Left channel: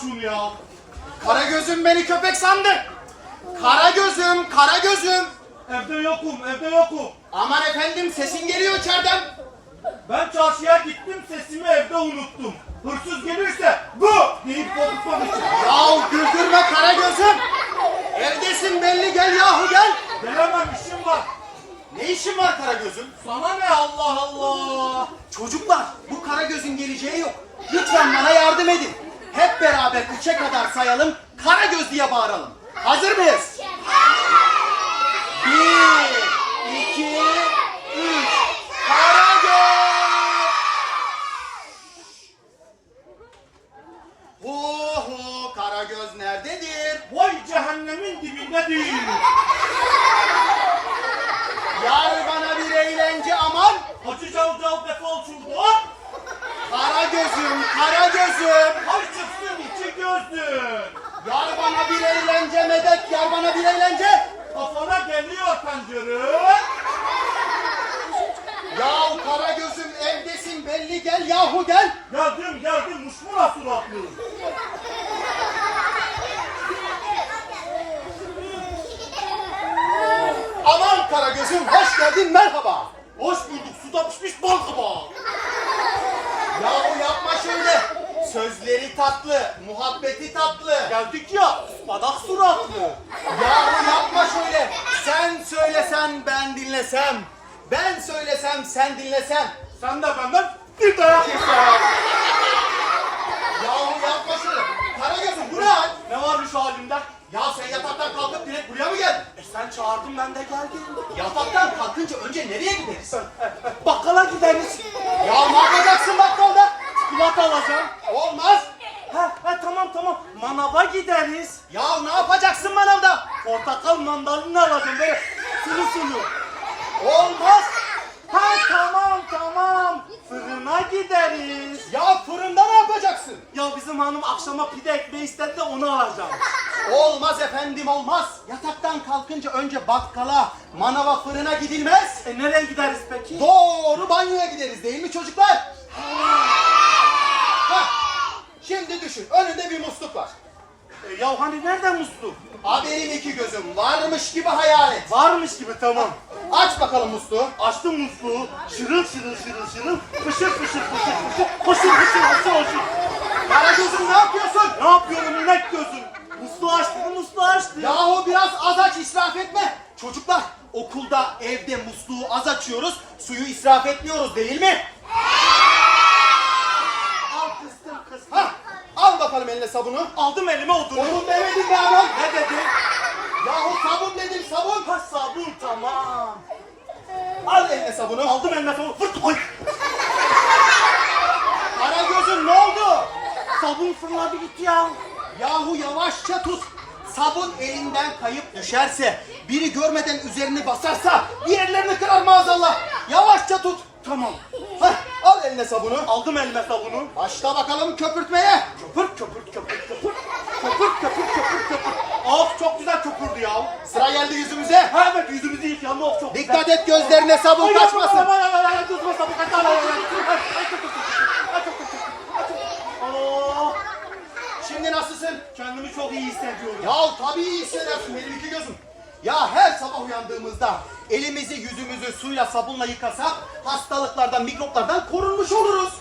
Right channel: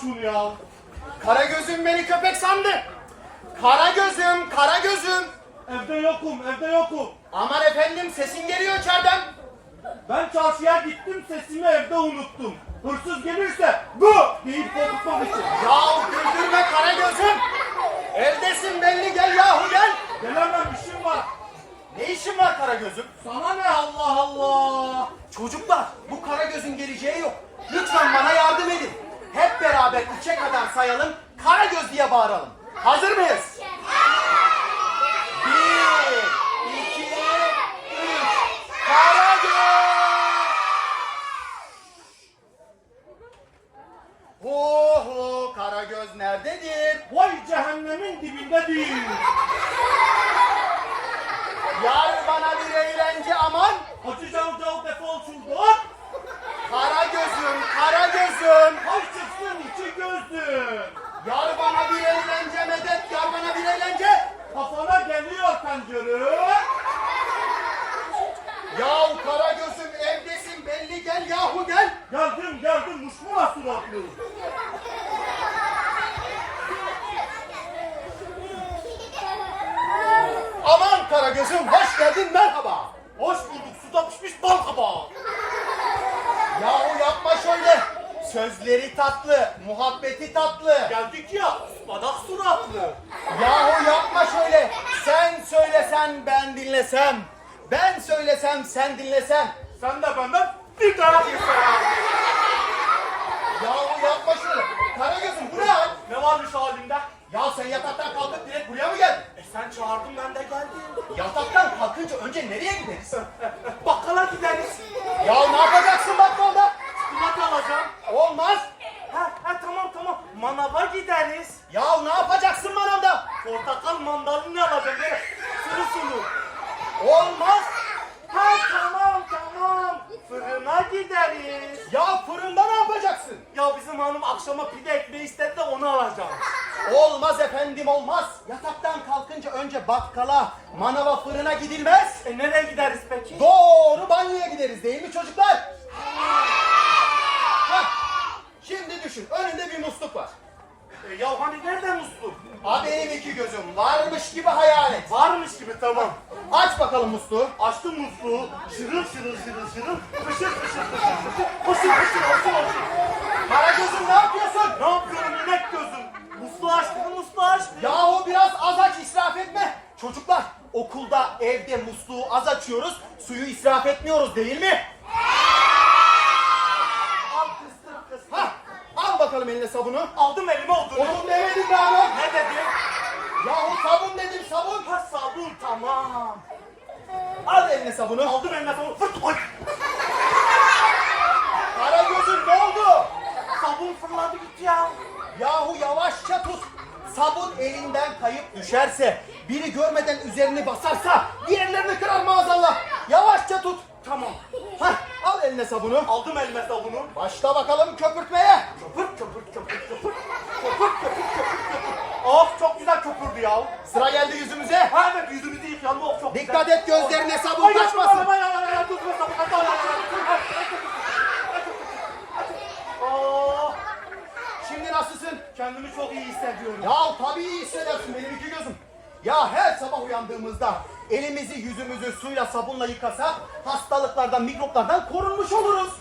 şunu ya. Kara gözüm beni köpek sandı. Kara gözüm, kara gözüm. Evde yokum, evde yokum. Aman efendim sesin geliyor içeriden. Ben çarşıya gittim, sesimi evde unuttum. Hırsız gelirse bu deyip korkutmak için. Yahu güldürme kara gözüm. Evdesin belli gel yahu gel. Gelemem işim var. Ne işin var kara gözüm? Sana ne Allah Allah. Çocuklar bu kara gözün geleceği yok. Lütfen bana yardım edin. Hep beraber üçe kadar sayalım. Kara göz diye bağıralım. Hazır mıyız? Bir, iki, üç. Kara göz. Ho ho kara göz nerededir? Vay cehennemin dibinde değil. Yar bana bir eğlence aman. Hacı Cavcav defol şuradan. Kara gözüm, kara gözüm. Hay çıksın iki gözlü. Yar bana bir eğlence medet, yar bana bir eğlence. Kafana geliyor tencere. Yahu kara gözüm evdesin belli gel yahu gel. Geldim geldim muşmula suratlı. Aman kara gözüm hoş geldin merhaba. Hoş bulduk suda pişmiş bal kabağı. Yahu yapma şöyle. Sözleri tatlı, muhabbeti tatlı. Geldik ya badak suratlı. Yahu yapma şöyle. Sen söylesen ben dinlesem. Ben söylesem sen dinlesem. Sen de benden bir dayak yesen. Yahu yapma şöyle. Kara gözüm bu ne hal? Ne varmış halimde? Ya sen yataktan kalkıp direkt buraya mı geldin? E sen çağırdın ben de geldim. Yataktan kalkınca önce nereye gideriz? Bakkala gideriz. Ya ne yapacaksın bakkalda? Çikolata alacağım. Olmaz. Ha, ha tamam tamam. Manava gideriz. Ya ne yapacaksın manavda? Portakal mandalina alacağım böyle sulu sulu. Olmaz. Ha tamam tamam. Fırına gideriz. Ya fırında ne yapacaksın? Ya bizim hanım akşama pide ekmeği istedi de onu alacağım. Olmaz efendim olmaz. Yataktan kalkınca önce bakkala, manava, fırına gidilmez. E nereye gideriz peki? Doğru banyoya gideriz değil mi çocuklar? Hah. Şimdi düşün önünde bir musluk var. E, ya hani nereden musluk? A benim iki gözüm varmış gibi hayal et. Varmış gibi tamam. Aç bakalım musluğu. Açtım musluğu. Şırıl şırıl şırıl şırıl. Fışır fışır fışır fışır. Hoşur hoşur hoşur hoşur. Kara gözüm ne yapıyorsun? Ne yapıyorum inek gözüm? Musluğu açtım musluğu açtım. Yahu biraz az aç israf etme. Çocuklar okulda evde musluğu az açıyoruz. Suyu israf etmiyoruz değil mi? Al kıstım kıstım. Ha, al bakalım eline sabunu. Aldım elime odunu. Onun demedin be adam. Ne dedi? Yahu sabun dedim sabun. Ha sabun tamam. Al eline sabunu. Aldım eline sabun. Fırt koy. Kara gözün ne oldu? Sabun fırladı gitti ya. Yahu yavaşça tut. Sabun elinden kayıp düşerse, biri görmeden üzerini basarsa diğerlerini kırar maazallah. Yavaşça tut. Tamam. Hah, al eline sabunu. Aldım elime sabunu. Başla bakalım köpürtmeye. Köpür köpür köpür köpür. Köpür köpür köpür köpür. Of çok güzel köpürdü ya. Sıra geldi yüzümüze. Ha evet yüzümüzü yıkayalım of çok Dikkat güzel. et gözlerine sabun Ay, kaçmasın. ay, ay, ay, ay, gözüme sabun kötü. Aa, Şimdi nasılsın? Kendimi çok iyi hissediyorum. Ya tabii iyi hissedersin benim iki gözüm. Ya her sabah uyandığımızda elimizi yüzümüzü suyla sabunla yıkasak hastalıklardan mikroplardan korunmuş oluruz.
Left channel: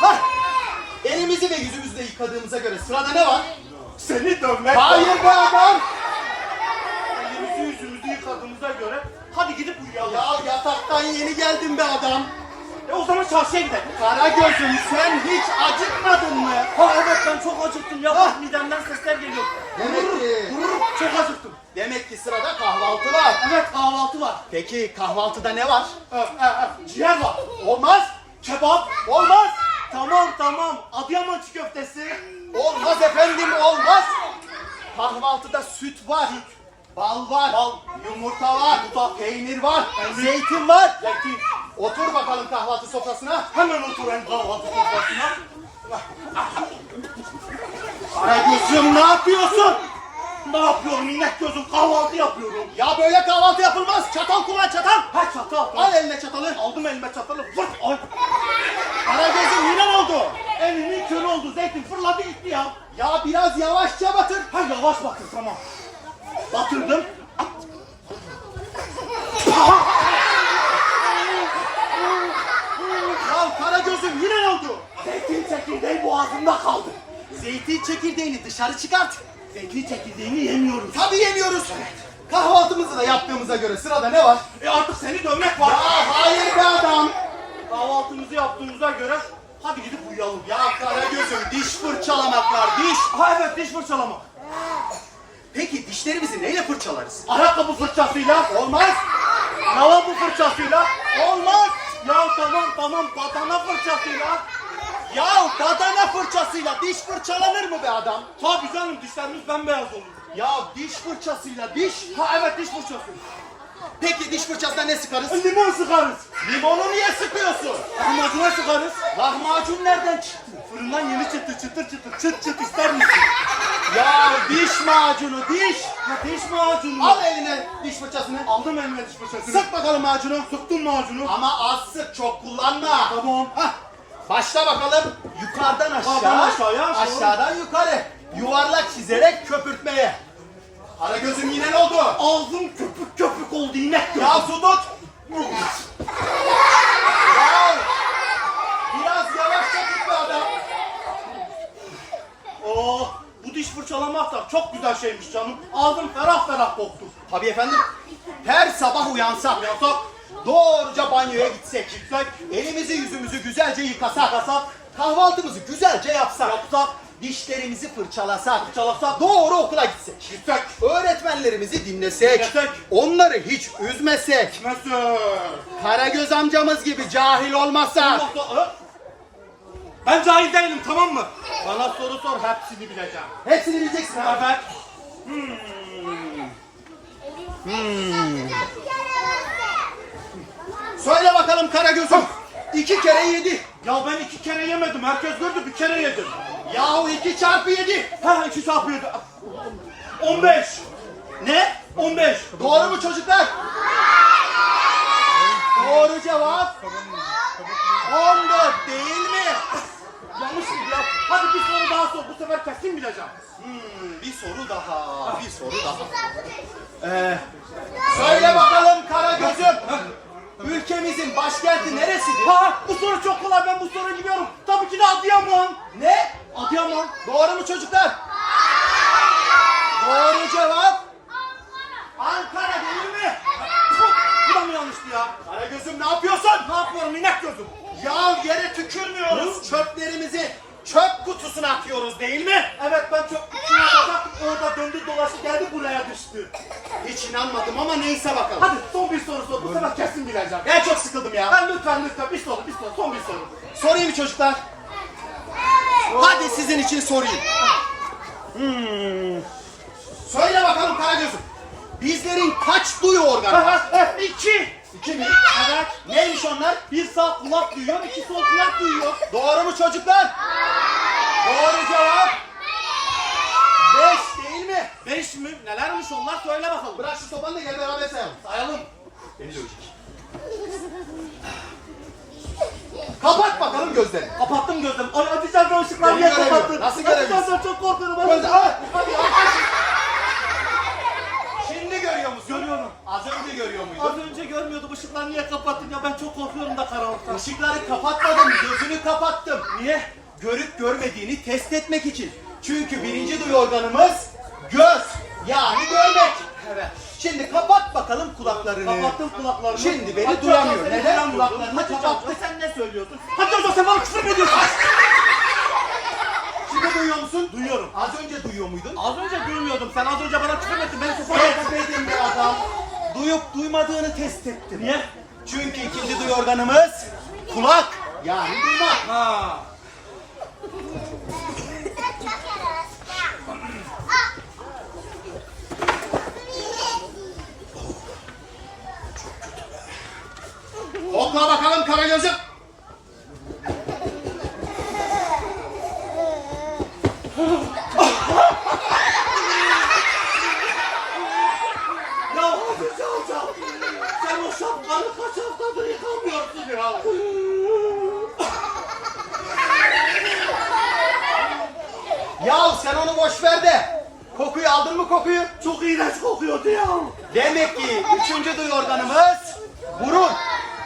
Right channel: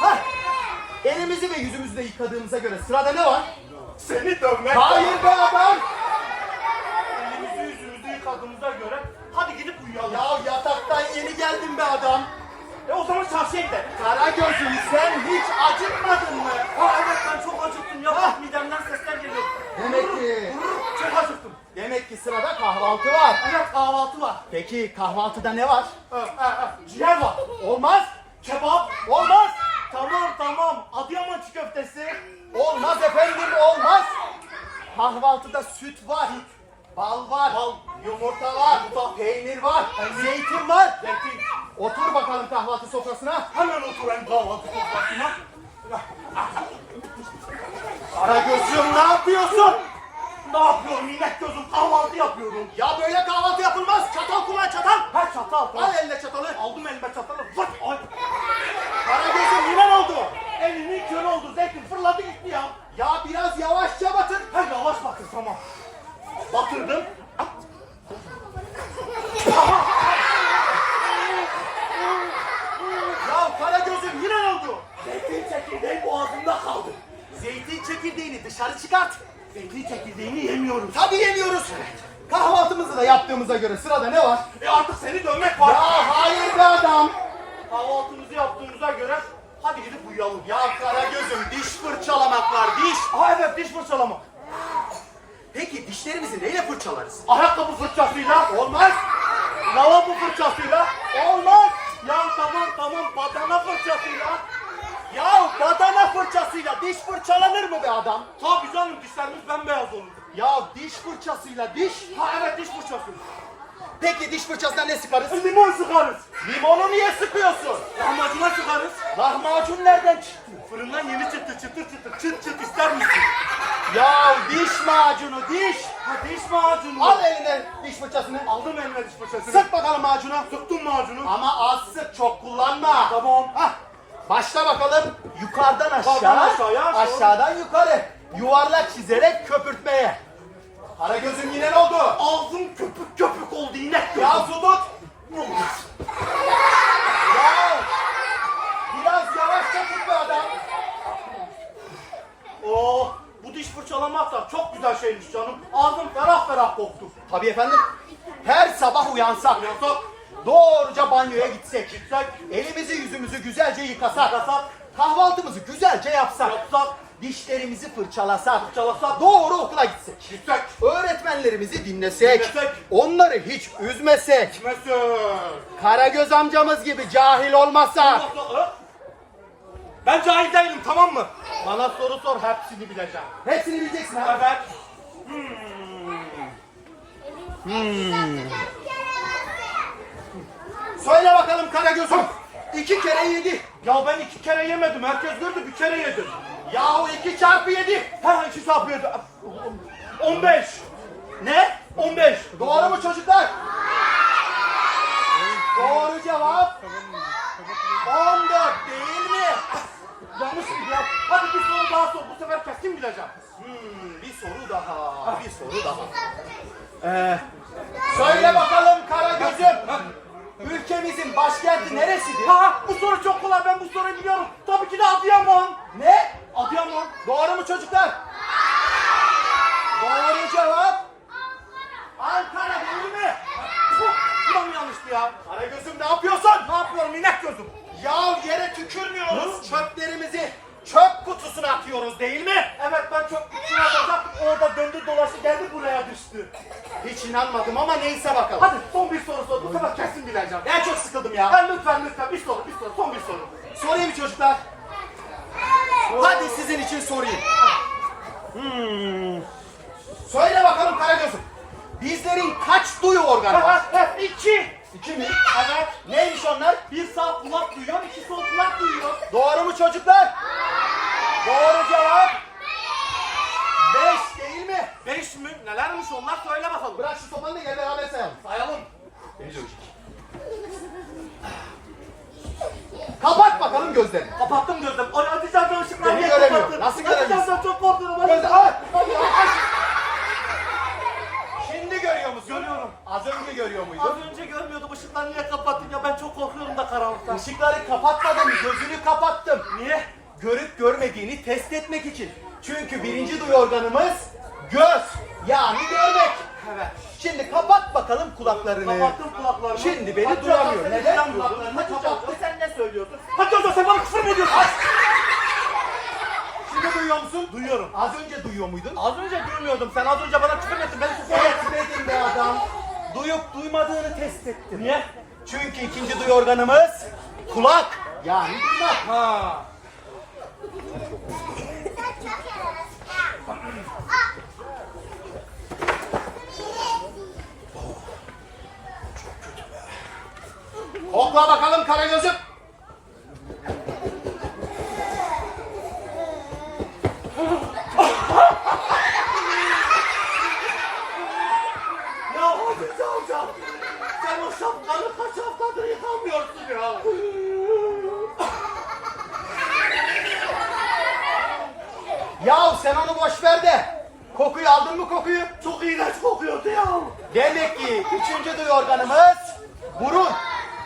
Hah. Elimizi ve yüzümüzü de yıkadığımıza göre sırada ne var? Seni dövmek. Hayır be adam. Elimizi yüzümüzü yıkadığımıza göre hadi gidip uyuyalım. Ya yataktan yeni geldin be adam. E o zaman çarşıya gidelim. Kara gözüm sen hiç acıkmadın mı? Ha evet ben çok acıktım ya. Ah. Midemden sesler geliyor. Demek ki- çok acıktım. Ki sırada kahvaltı var. Evet kahvaltı var. Peki kahvaltıda ne var? Ha, ha, ha. Ciğer var. Olmaz. Kebap. Olmaz. Tamam tamam. Adıyaman çiğ köftesi. Olmaz efendim olmaz. Kahvaltıda süt var. Bal var. Bal. Yumurta var. Peynir var. Zeytin var. Zeytin. Otur bakalım kahvaltı sofrasına. Hemen oturan kahvaltı sofrasına. Karagöz'üm ne yapıyorsun? Ne yapıyorum inek gözüm kahvaltı yapıyorum. Ya böyle kahvaltı yapılmaz. Çatal kullan çatal. Ha çatal. Al eline çatalı. Aldım elime çatalı. Vırt. Ay. Karagöz'üm yine ne oldu? Elimin körü oldu. Zeytin fırladı gitti ya. Ya biraz yavaşça batır. Ha yavaş batır tamam. Batırdım. Ya Karagöz'üm yine ne oldu? Zeytin çekirdeği boğazımda kaldı. Zeytin çekirdeğini dışarı çıkart. Zeytin çekirdeğini yemiyoruz. Tabii yemiyoruz. Kahvaltımızı da yaptığımıza göre sırada ne var? E artık seni dövmek Ya var. hayır be adam. Kahvaltımızı yaptığımıza göre hadi gidip uyuyalım. Ya Karagöz'üm diş fırçalamak var diş. Ha evet diş fırçalama. Peki dişlerimizi neyle fırçalarız? Ayakkabı fırçasıyla, Olmaz. lavabo fırçasıyla, Olmaz. ya tamam tamam badana fırçasıyla. Ya badana fırçasıyla diş fırçalanır mı be adam? Tabii canım dişlerimiz bembeyaz olur. Ya diş fırçasıyla diş. Ha evet diş fırçası. Peki diş fırçasına ne sıkarız? Limon sıkarız. Limonu niye sıkıyorsun? Lahmacuna sıkarız. Lahmacun nereden çıktı? Fırından yeni çıtır çıtır çıtır çıt çıt ister misin? Ya diş macunu diş. Ha diş macunu. Al eline diş fırçasını. Aldım elime diş fırçasını. Sık bakalım macunu. Sıktım macunu. Ama az sık çok kullanma. Tamam. Hah. Başla bakalım. Yukarıdan aşağı. Yukarıdan aşağıya, aşağı. Aşağıdan yukarı. Yuvarlak çizerek köpürtmeye. Karagöz'üm yine ne oldu? Ağzım köpük köpük oldu gözüm. Ya su tut. Ya. Biraz yavaşça tut be adam. Oo, Oh, bu diş fırçalamak da çok güzel şeymiş canım. Ağzım ferah ferah koktu. Tabii efendim. Her sabah uyansak. Yasak. Doğruca banyoya gitsek. Gitsek. Elimizi yüzümüzü güzelce yıkasak. Yasak. Kahvaltımızı güzelce yapsak. Yapsak. Dişlerimizi fırçalasak. Fırçalasak. Doğru okula gitsek. Gitsek. Öğretmenlerimizi dinlesek. Dinlesek. Onları hiç üzmesek. Mesela. Karagöz amcamız gibi cahil olmasak. Ben cahil değilim tamam mı? Bana soru sor hepsini bileceğim. Hepsini bileceksin ha. Evet. Söyle bakalım Karagöz'üm. İki kere yedi. Ya ben iki kere yemedim. Herkes gördü bir kere yedim. Yahu iki çarpı yedi. Ha iki çarpı yedi. 15. Ne? 15. Doğru mu çocuklar? Doğru cevap 14 değil mi? Yanlış mı ya? Hadi bir soru daha sor. Bu sefer kesin bileceğim. Hmm, bir soru daha, bir soru daha. Ee, söyle bakalım Karagöz'üm. Ülkemizin başkenti neresidir? Ha bu soru çok kolay. Ben bu soruyu biliyorum. Tabii ki de Adıyaman. Ne? Adıyaman. Doğru mu çocuklar? Doğru cevap Ankara değil mi? Puh, Bu da mı yanlıştı ya? Karagöz'üm ne yapıyorsun? Ne yapıyorum inek gözüm? Ya yere tükürmüyoruz. Çöplerimizi çöp kutusuna atıyoruz değil mi? Evet ben çok kutusuna atacaktım. Orada döndü dolaştı geldi buraya düştü. Hiç inanmadım ama neyse bakalım. Hadi son bir soru sor. Bu sefer kesin bileceğim. Ben çok sıkıldım ya. Ben lütfen lütfen bir soru bir soru son bir soru. Sorayım mı çocuklar? Hadi sizin için sorayım. Hmm. Söyle bakalım Karagöz'üm. Bizlerin kaç duyu organı var? İki. İki mi? Evet. Neymiş onlar? Bir sağ kulak duyuyor, iki sol kulak duyuyor. Doğru mu çocuklar? Doğru cevap. Beş değil mi? Beş mi? Nelermiş onlar söyle bakalım. Bırak şu sopanı da yine beraber sayalım. Sayalım. Beni dövecek. Kapat bakalım gözlerini. Kapattım gözüm. Ay hadi sen de ışıkları Beni niye göremiyorum. kapattın? Nasıl Hadi göremiyorsun? sen çok korkuyorum. Hadi. Gözle aç. Hadi. Şimdi görüyor musun? Görüyorum. Az önce görüyor muydun? Az önce görmüyordum. Işıkları niye kapattın ya? Ben çok korkuyorum da karanlıktan. Işıkları kapatmadım, gözünü kapattım. Niye? Görüp görmediğini test etmek için. Çünkü birinci duyu organımız göz. Yani görmek. Evet. Şimdi kapat bakalım kulaklarını. Kapattım kulaklarımı. Şimdi beni Hadi duyamıyor. Neden kulaklarını? Hoca, sen ne söylüyorsun? Hadi Hoca sen bana küfür mü ediyorsun? Duyuyor musun? Duyuyorum. Az önce duyuyor muydun? Az önce duymuyordum. Sen az önce bana küfür ettin. Beni susar Etmedin be adam. Duyup duymadığını test ettim. Niye? Çünkü ikinci duyu organımız kulak. Yani duymak. Ha. Kokla bakalım Karagöz'üm. şapkanı kaç haftadır yıkamıyorsun ya? Ya sen onu boş ver de. Kokuyu aldın mı kokuyu? Çok iğrenç kokuyordu ya. Demek ki üçüncü duyu organımız burun.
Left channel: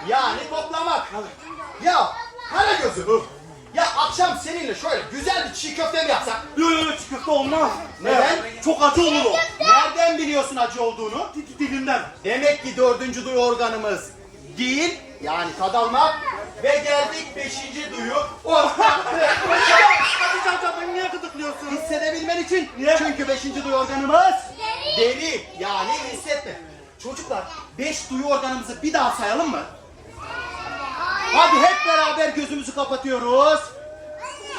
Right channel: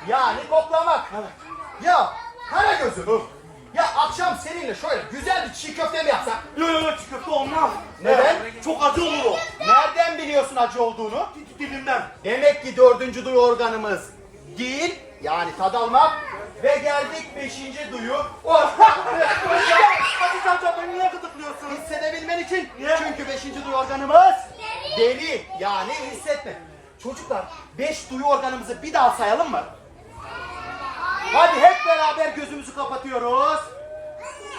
Yani koklamak. Ya kara gözüm. Ya akşam seninle şöyle güzel bir çiğ köfte mi yapsak? Yok yok çiğ köfte olmaz. Neden? Çok acı olur o. Nereden biliyorsun acı olduğunu? Di- Dilimden. Demek ki dördüncü duyu organımız değil. Yani tad almak. Ve geldik beşinci duyu. Oh! Hadi can can beni niye gıdıklıyorsun? Hissedebilmen için. Niye? Çünkü beşinci duyu organımız deri. Yani hissetme. Çocuklar beş duyu organımızı bir daha sayalım mı? Hadi hep beraber gözümüzü kapatıyoruz.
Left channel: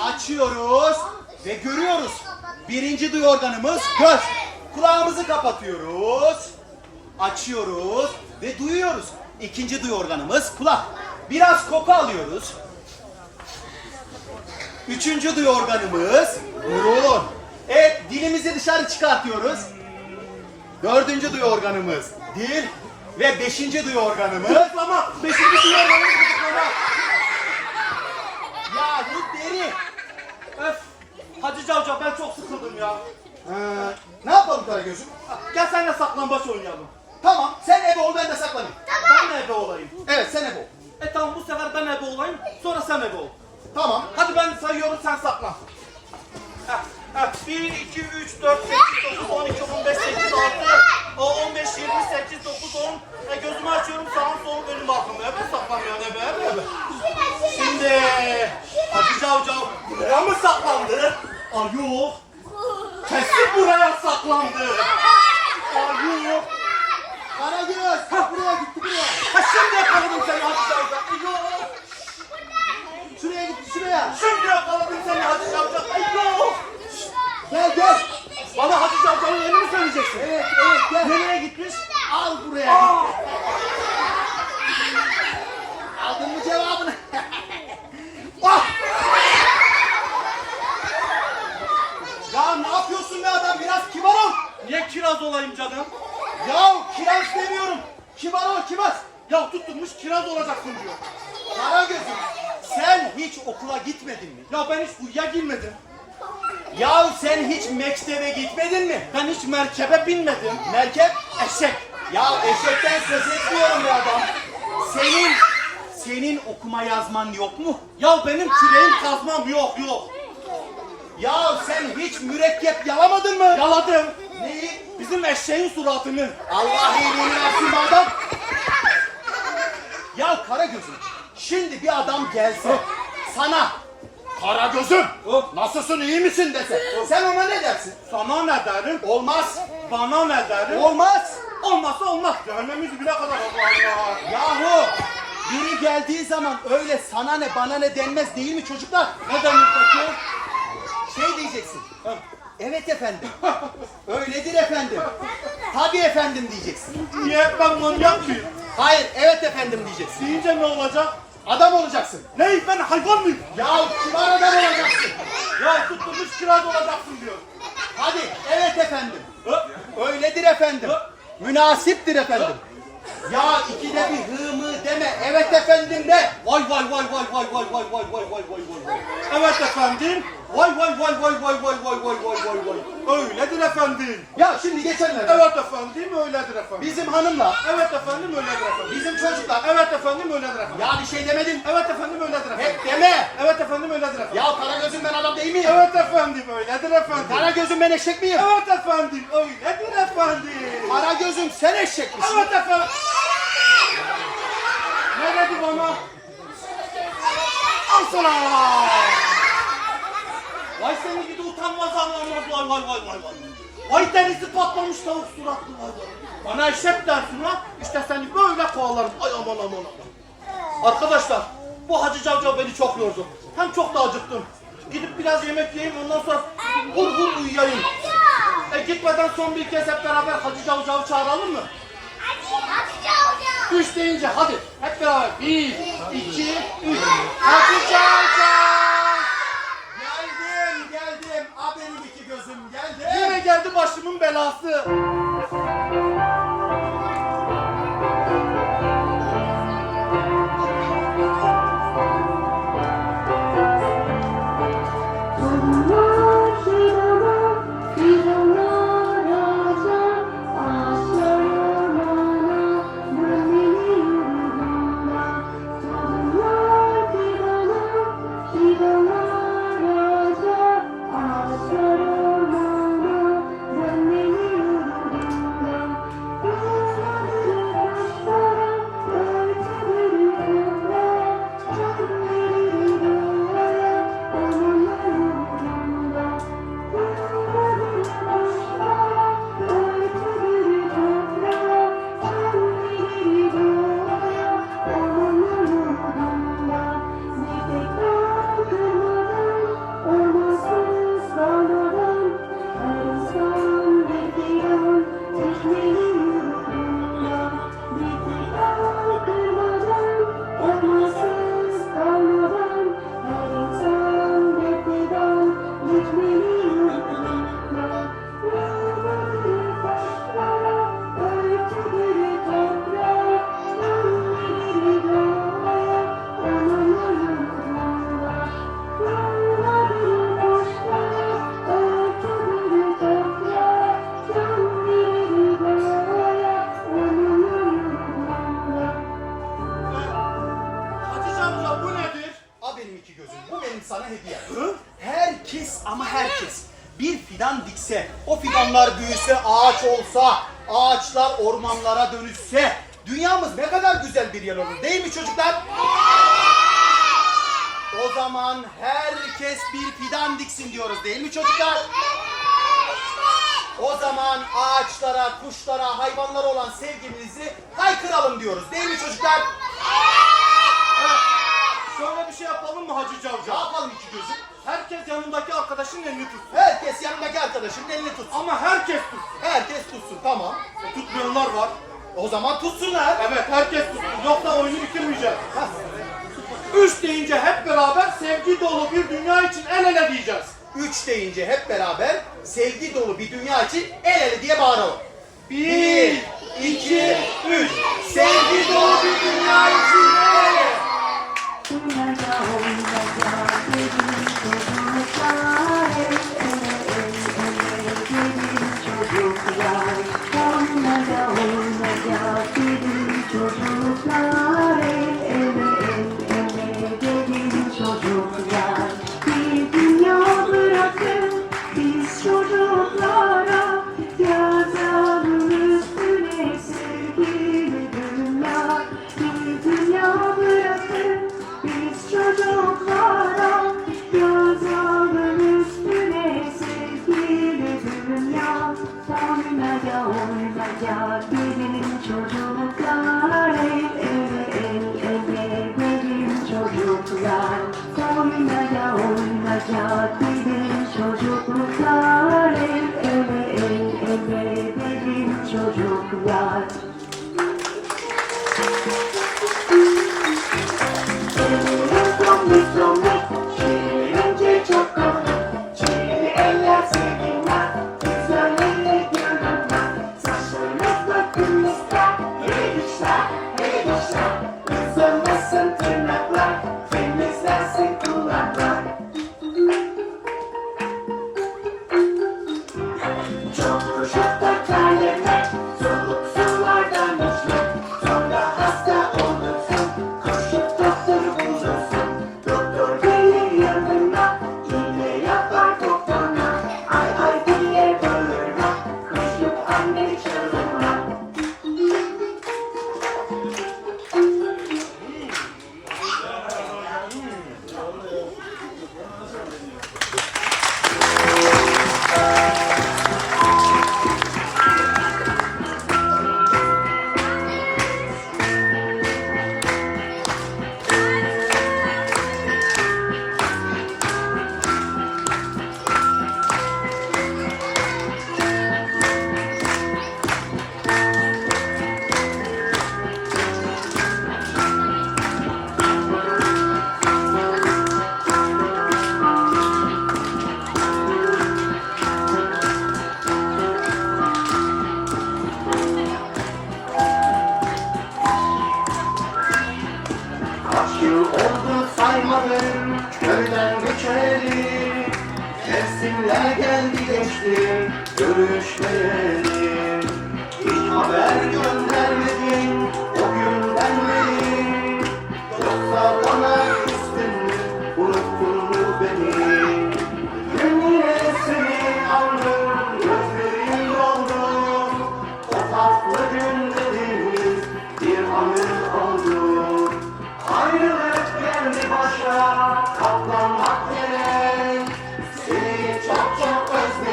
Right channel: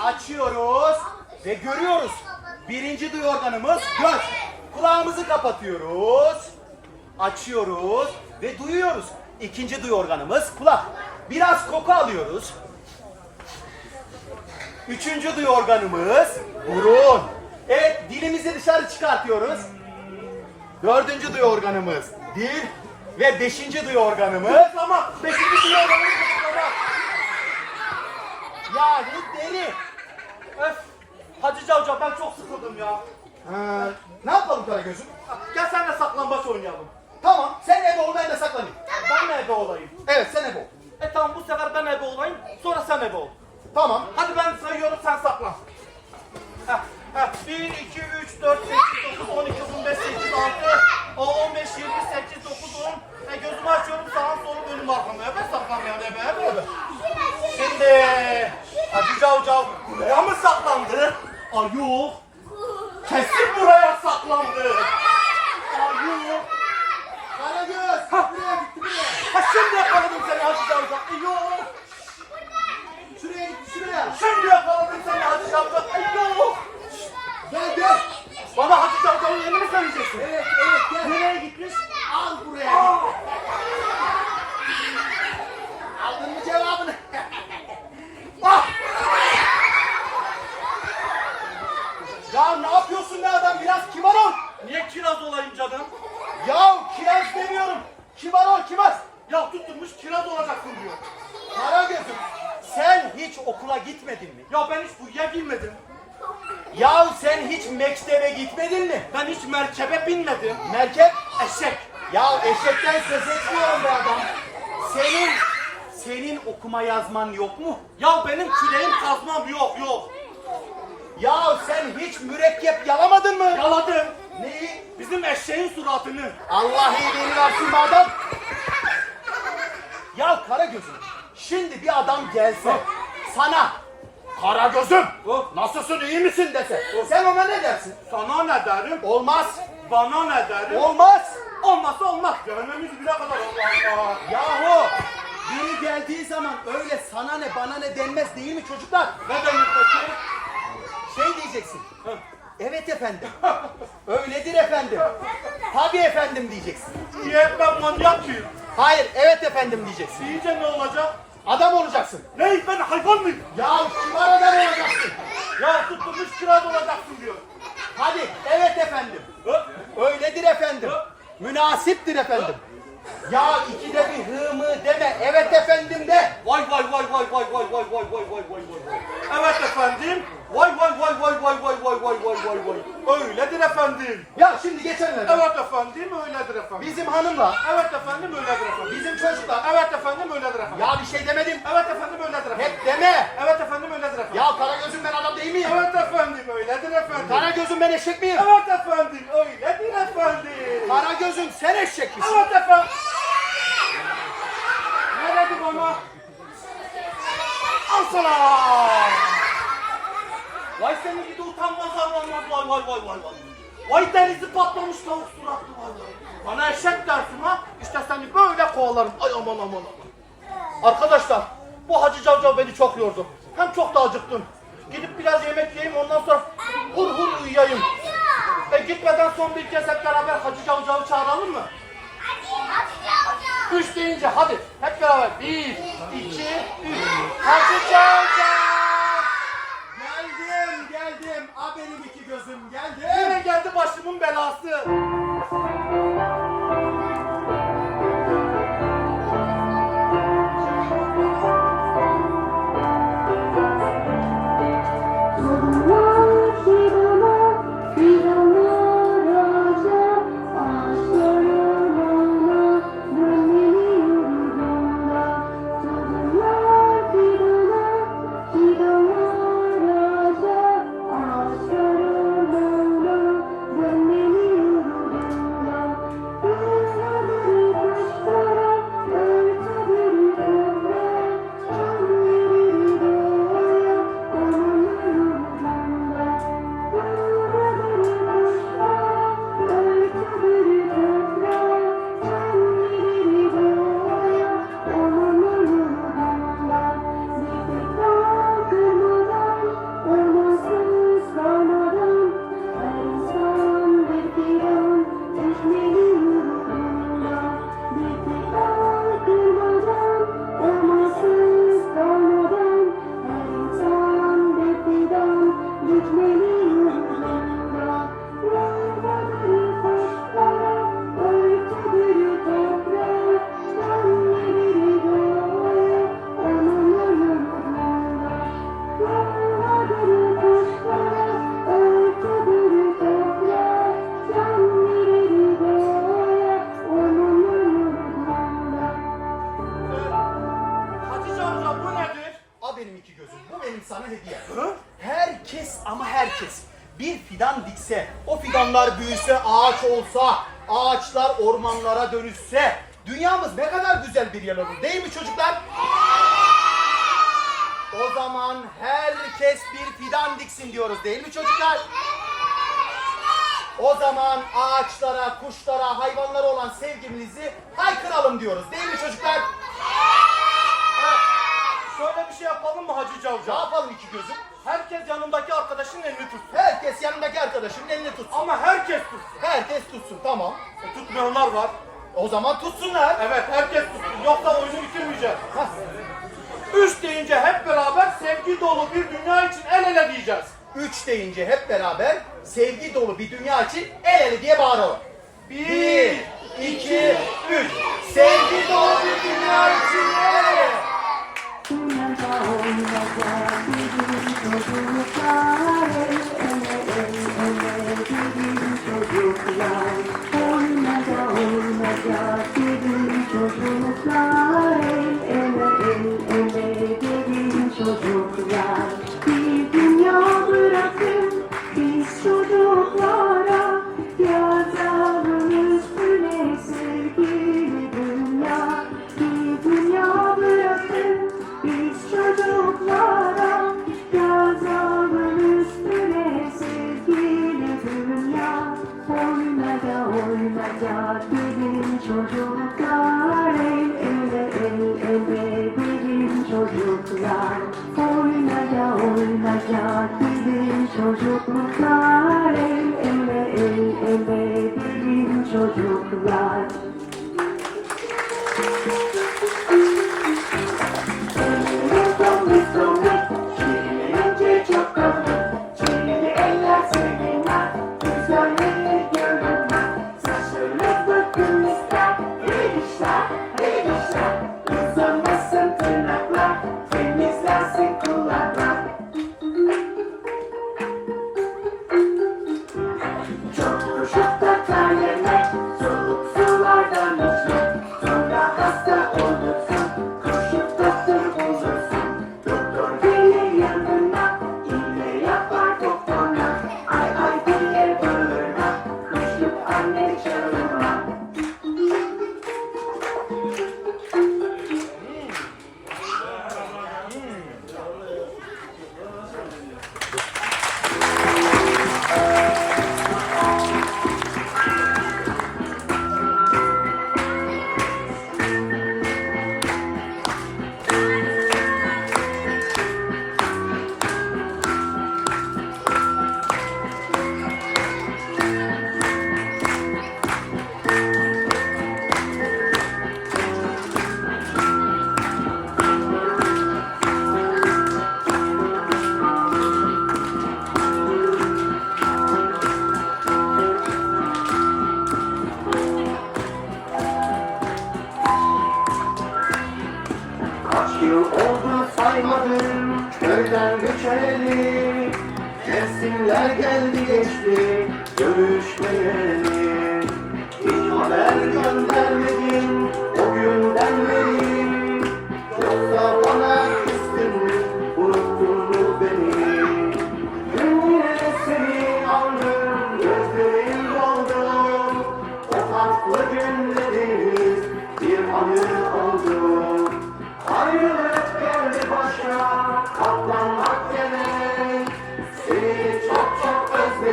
Açıyoruz ve görüyoruz. Birinci duyu organımız göz. Kulağımızı kapatıyoruz. Açıyoruz ve duyuyoruz. İkinci duyu organımız kulak. Biraz koku alıyoruz. Üçüncü duyu organımız burun. Evet dilimizi dışarı çıkartıyoruz. Dördüncü duyu organımız dil. Ve beşinci duyu organımız Gıdıklama. Beşinci duyu organı gıdıklama. yani deri. Öf. Hacı Cavcav ben çok sıkıldım ya. Ee, ne yapalım Karagöz'üm? Gel seninle saklambaç oynayalım. Tamam sen ebe ol ben de saklanayım. Ben de ebe olayım. Evet sen ebe ol. E tamam bu sefer ben ebe olayım. Sonra sen ebe ol. Tamam. Hadi ben sayıyorum sen saklan. Heh, heh. 1, 2, 3, 4, 8, 9, 12, 15, 8, 6, 15, 20, 8, 9, 10. E, gözümü açıyorum sağım solum önüm arkam. Ebe saklanmayan ebe ebe ebe. Şimdi Hacı Cavcav buraya mı saklandı? Ay yok. Kesin buraya saklandı. Ay yok. Ha. buraya gitti buraya. Ha şimdi yakaladım seni Hacı Cavcav. Ay yok. Şuraya gitti şuraya. Şimdi yakaladım seni Hacı Cavcav. Ay yok. Gel gel. Bana Hacı Cavcav'ın yerini mi söyleyeceksin? Evet evet gel. Nereye gitmiş? Al buraya. Aa! Aldın mı cevabını? ah! Ya ne yapıyorsun be adam biraz kibar ol. Niye kiraz olayım canım? Ya kiraz demiyorum. Kibar ol kibar. Ya tutturmuş kiraz olacaksın diyor. Karagöz'üm sen hiç okula gitmedin mi? Ya ben hiç kuyuya girmedim. Ya sen hiç mektebe gitmedin mi? Ben hiç merkebe binmedim. Merkep? Eşek. Ya eşekten söz etmiyorum be adam. Senin, senin okuma yazman yok mu? Ya benim küreğim kazmam yok yok. Ya sen hiç mürekkep yalamadın mı? Yaladım. Neyi? Bizim eşeğin suratını. Allah iyiliğini versin be adam. Ya Karagöz'üm, şimdi bir adam gelse sana Karagöz'üm nasılsın iyi misin dese sen ona ne dersin? Sana ne derim? Olmaz. Bana ne derim? Olmaz. Olmazsa olmaz. Cehennemiz bile kadar Allah Allah. Yahu biri geldiği zaman öyle sana ne bana ne denmez değil mi çocuklar? Ne denir peki? Şey diyeceksin. Evet efendim. Öyledir efendim. Tabii efendim diyeceksin. Niye ben manyak mıyım? Hayır evet efendim diyeceksin. Deyince ne olacak? Adam olacaksın. Ne ben hayvan mıyım? Ya kibar adam olacaksın. Ya tutturmuş kiraz olacaksın diyor. Hadi evet efendim. Hı? Öyledir efendim. Münasiptir efendim. Ya ikide bir hı mı deme. Evet efendim de. Vay vay vay vay vay vay vay vay vay vay vay vay. Evet efendim. Vay vay vay vay vay vay vay vay vay vay vay. Öyledir efendim. Ya şimdi geçenlerde Evet efendim öyledir efendim. bizim hanımla Evet efendim öyledir efendim. bizim çocuklar Evet efendim öyledir efendim. ya bir şey demedim. Evet efendim öyledir efendim. Hep deme. Evet efendim öyledir efendim. Ya Karagöz'üm ben adam değil miyim? Evet efendim öyledir efendim. Karagöz'üm ben eşek miyim? Evet efendim öyledir efendim. Karagöz'üm sen eşek misin? Evet efendim. Ne dedi bana? Al sana. Vay seni gidi utanmaz anlamaz vay vay vay vay vay. Vay denizi patlamış tavuk suratlı vay vay. Bana eşek dersin ha? İşte seni böyle kovalarım. Ay aman aman aman. Arkadaşlar bu Hacı Cavcav beni çok yordu. Hem çok da acıktım. Gidip biraz yemek yiyeyim ondan sonra hur hur uyuyayım. E gitmeden son bir kez hep beraber Hacı Cavcav'ı çağıralım mı? Üç deyince hadi hep beraber. Bir, iki, üç. Hacı Cavcav! Geldim geldim. A benim iki gözüm geldim. Yine geldi başımın belası. O fidanlar büyüse, ağaç olsa, ağaçlar ormanlara dönüşse, dünyamız ne kadar güzel bir yer olur değil mi çocuklar? O zaman herkes bir fidan diksin diyoruz değil mi çocuklar? O zaman ağaçlara, kuşlara, hayvanlara olan sevgimizi haykıralım diyoruz değil mi çocuklar? Şöyle bir şey yapalım mı Hacı Ne Cavcav? yapalım iki gözüm? Herkes yanındaki arkadaşının elini tutsun. Herkes yanındaki arkadaşının elini tutsun. Ama herkes tutsun. Herkes tutsun tamam. E, tutmayanlar var. O zaman tutsunlar. Evet herkes tutsun. Yoksa oyunu bitirmeyeceğiz. Üç deyince hep beraber sevgi dolu bir dünya için el ele diyeceğiz. Üç deyince hep beraber sevgi dolu bir dünya için el ele diye bağıralım. Bir, Bir, iki, üç. Sevgi dolu bir dünya için el ele. Gelin çocuklar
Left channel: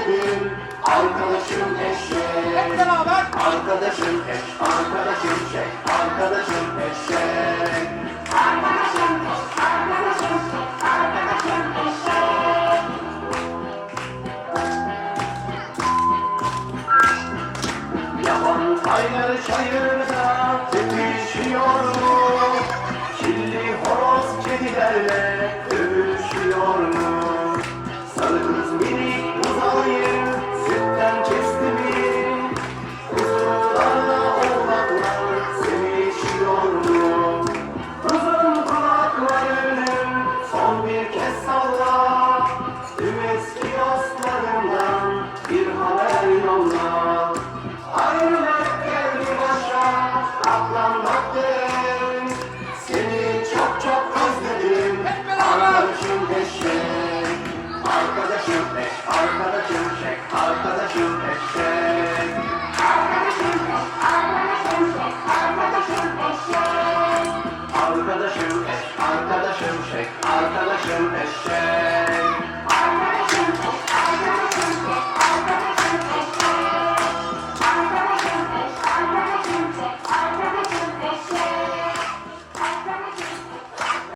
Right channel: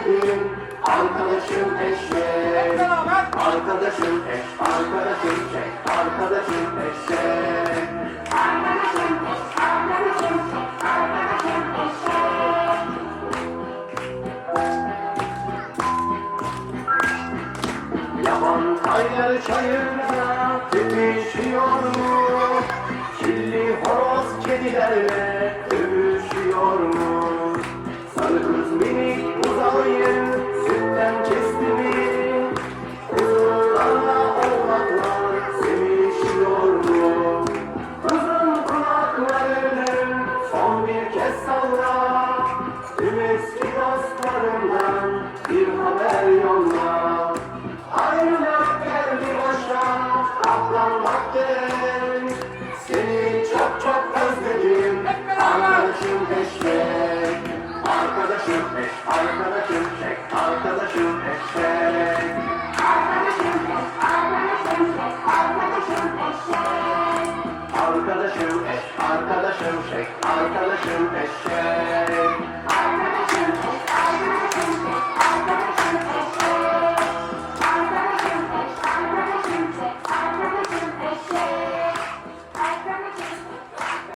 özledim, arkadaşım eşek. Beraber. Arkadaşım eş, arkadaşım şey, arkadaşım eşek. Arkadaşım eş, arkadaşım şey, arkadaşım eşek. Yaban kaynar çayırda tepişiyor mu? Kirli horoz kedilerle dövüşüyor mu?